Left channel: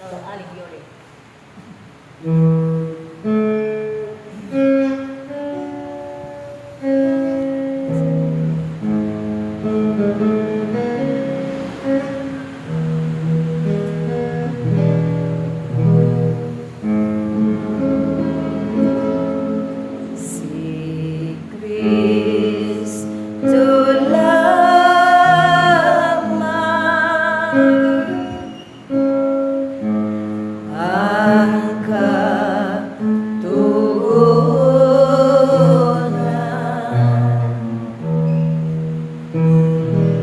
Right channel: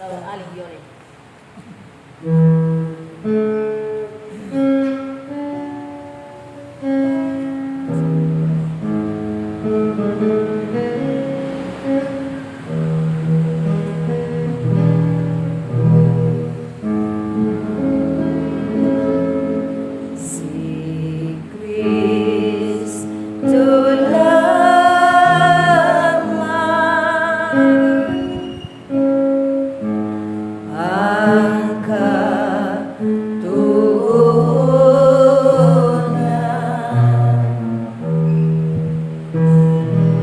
Alighione. Si Cristo lamang ang katugunan.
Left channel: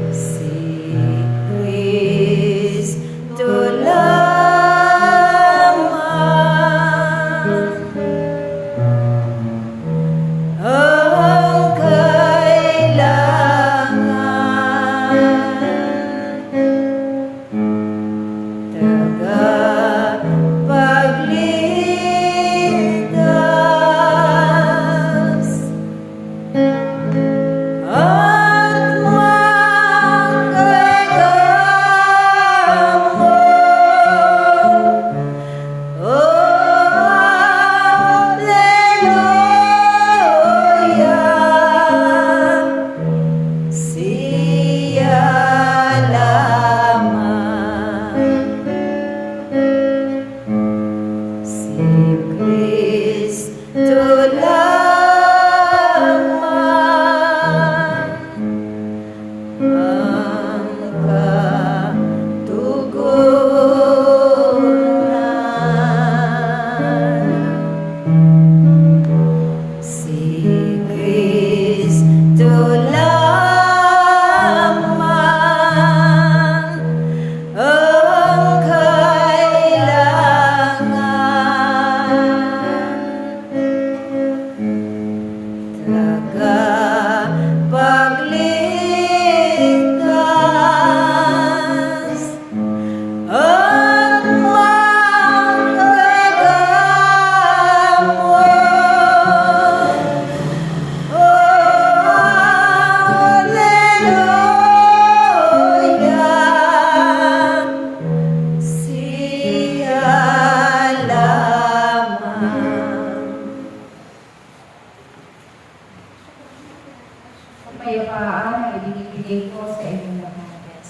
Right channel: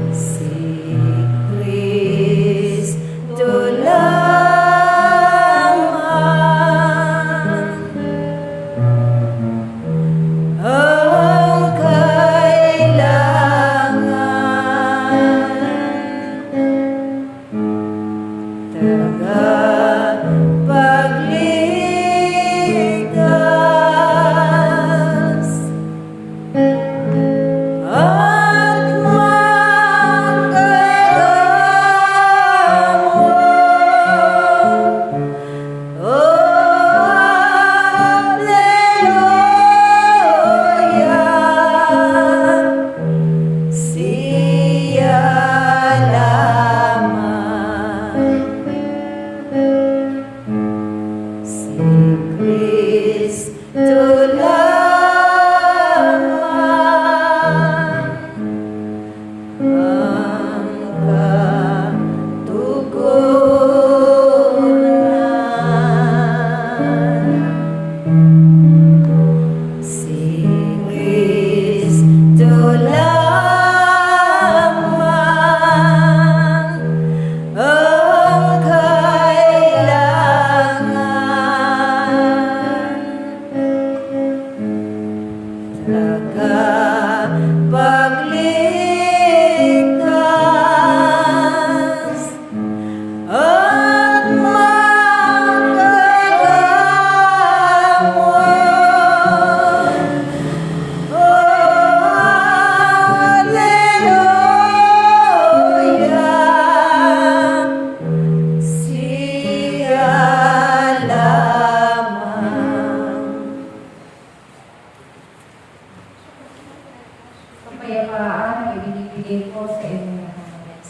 Si Cristo lamang ang kailangan, tagapagligtas at manggagamot. Alleluia, siya lamang. Si Cristo lamang ang katugunan. Si Cristo lamang ang kailangan, tagapagligtas at manggagamot. Alleluia, siya lamang. Kapayapaan ay binibigay ko sa inyong lahat.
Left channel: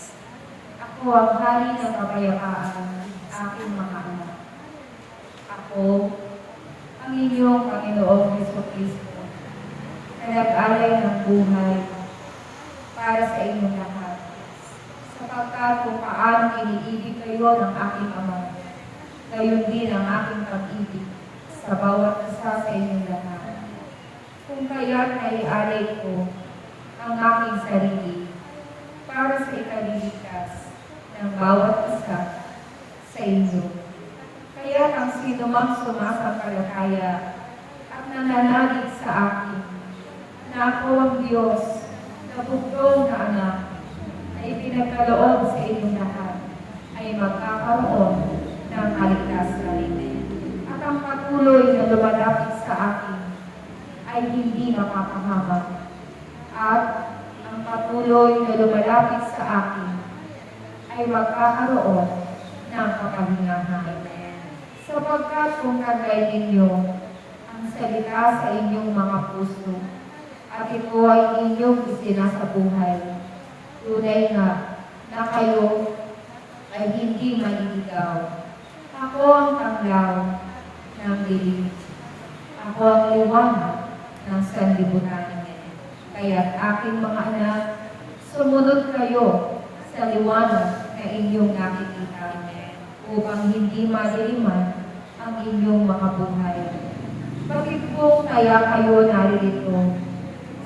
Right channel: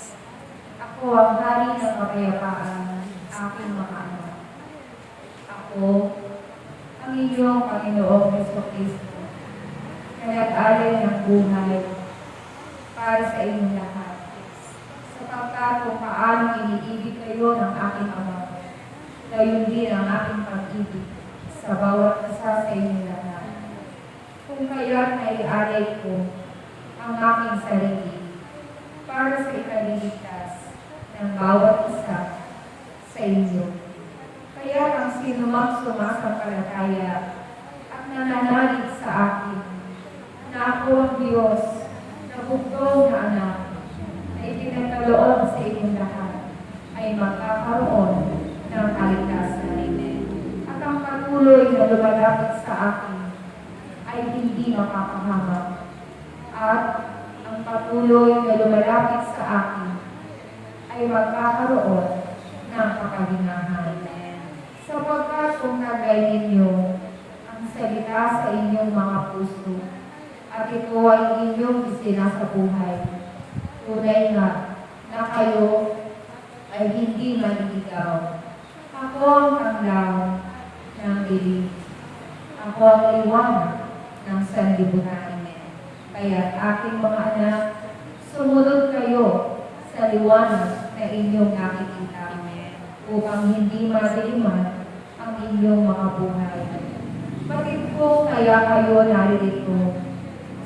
Ako ang hari ng kapayapaan, aking mga anak. Ako, ang inyong Panginoong Jesucristo, na nag-alay ng buhay para sa inyong lahat. Sapagkat kung paano iniibig kayo ng aking Ama, gayon din ang aking pag-ibig sa bawat isa sa inyong lahat. Kung kaya't naialay ko ang aking sarili para sa ikaliligtas ng bawat isa sa inyo. Kaya ang sinumang sumasampalataya at nananalig sa akin na ako ang Diyos na bugtong na anak na ipinagkaloob sa inyong lahat ay magkakaroon ng kaligtasan. At ang patuloy na lumalapit sa akin ay hindi mapapahamak. At ang patuloy na lumalapit sa akin ay magkakaroon ng kapahingahan. Sapagkat kung tagay ninyo ang salita sa inyong mga puso at ito ay inyong isinasabuhay, tunay nga na kayo ay hindi maliligaw. Ako ang tanglaw ng dilim. Ako ang liwanag ng sanlibutan. Kaya't aking mga anak, sumunod kayo sa liwanag na inyong nakikita upang hindi madiliman ang inyong mga buhay. Bakit po kaya kayo naririto?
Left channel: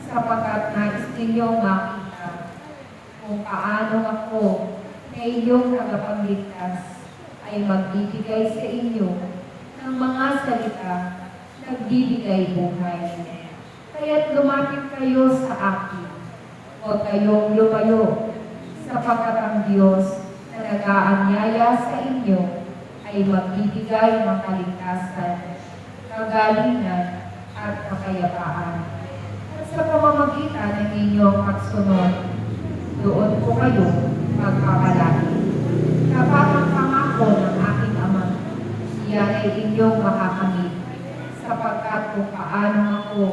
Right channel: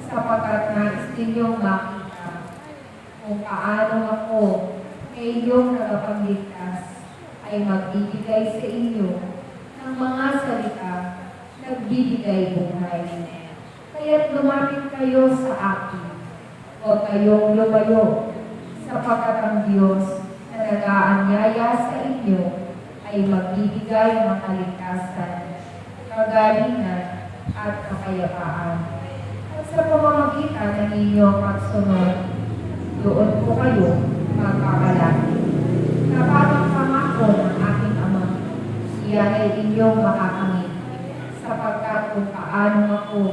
Sapagkat nais ninyong makita kung paano ako na inyong tagapagligtas ay magbibigay sa inyo ng mga salita nagbibigay buhay. Kaya't lumapit kayo sa akin. Huwag kayong lumayo, sapagkat ang Diyos na nag-aanyaya sa inyo ay magbibigay ng kaligtasan, kagalingan at kapayapaan. At sa pamamagitan ng inyong pagsunod, doon po kayo magpapalaki. Kapag ang pangako ng aking Ama iyan ay inyong makakamit, sapagkat kung paano ako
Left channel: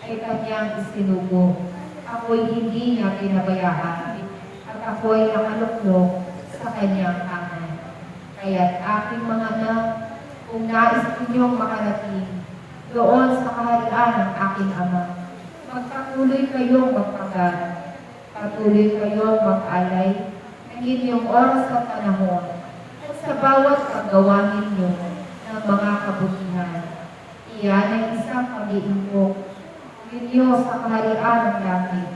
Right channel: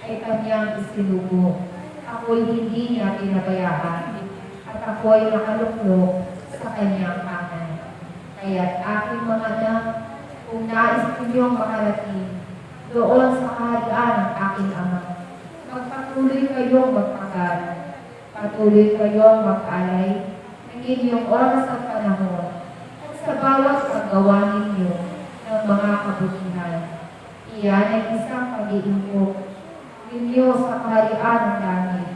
ay kanyang isinubo, ako'y hindi niya pinabayaan, at ako'y nakaluklok sa kanyang kanan. Kaya't aking mga anak, kung nais ninyong makarating doon sa kaharian ng aking Ama, magpatuloy kayong magpagal, patuloy kayong mag-alay ng inyong oras at panahon, at sa bawat paggawa ninyo ng mga kabutihan. Iyan ay isang pag-iimpok ninyo sa kaharian ng langit,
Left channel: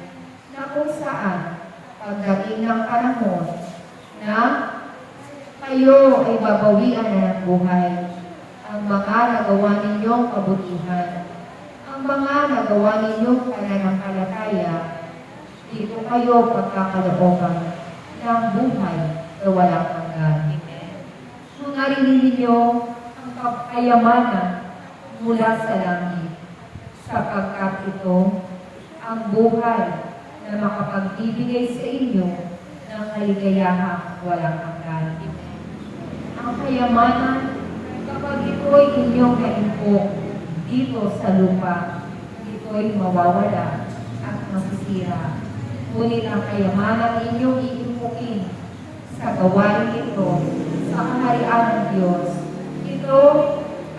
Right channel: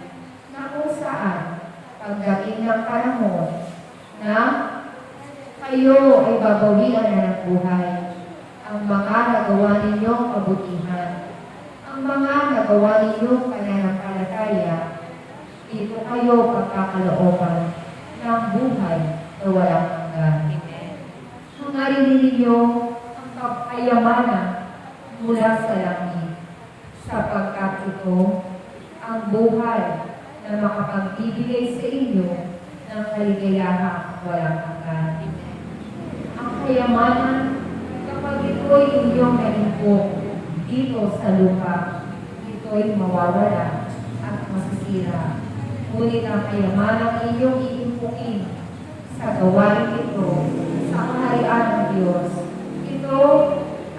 na kung saan pagdating ng panahon na kayo ay babawian na ng buhay, ang mga nagawa ninyong kabutihan, ang mga nagawa ninyong pananampalataya, dito kayo pagkakalooban ng buhay na walang hanggan. Hangarin ninyo ang kapayamanan mula sa langit, sapagkat ito ang buhay na makapagbibigay sa inyo ng kaligayahang walang hanggan. Ang kayamanan, kapag ito'y inyong naimpok dito sa lupa, ito'y mawawala at masisira. Ngunit ang kayamanan inyong iimpukin sa gawain ito sa kaharian ng Diyos, ito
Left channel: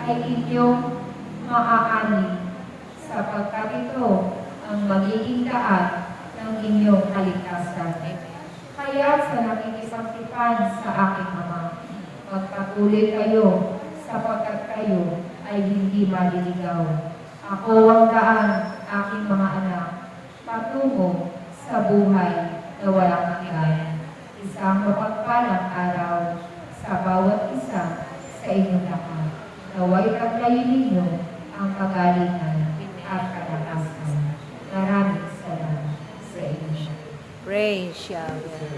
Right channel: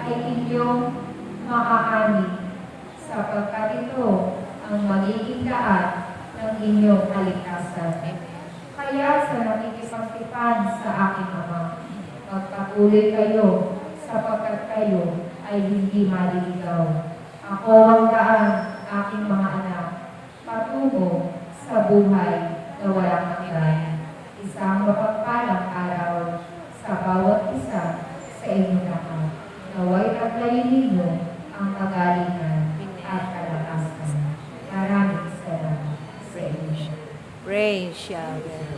ay inyong maaani, sapagkat ito ang magiging daan ng inyong kaligtasan. Kaya sa nakikipagtipan sa aking Ama, magpatuloy kayo, sapagkat kayo ay hindi maliligaw. Ako ang daan, aking mga anak, patungo sa buhay na walang hanggan. Isang mapagpalang araw sa bawat isa sa inyong lahat. Naway paglayin ninyo ang kagalingan at kalakasan. Maraming salamat sa inyo. Praise Yahweh.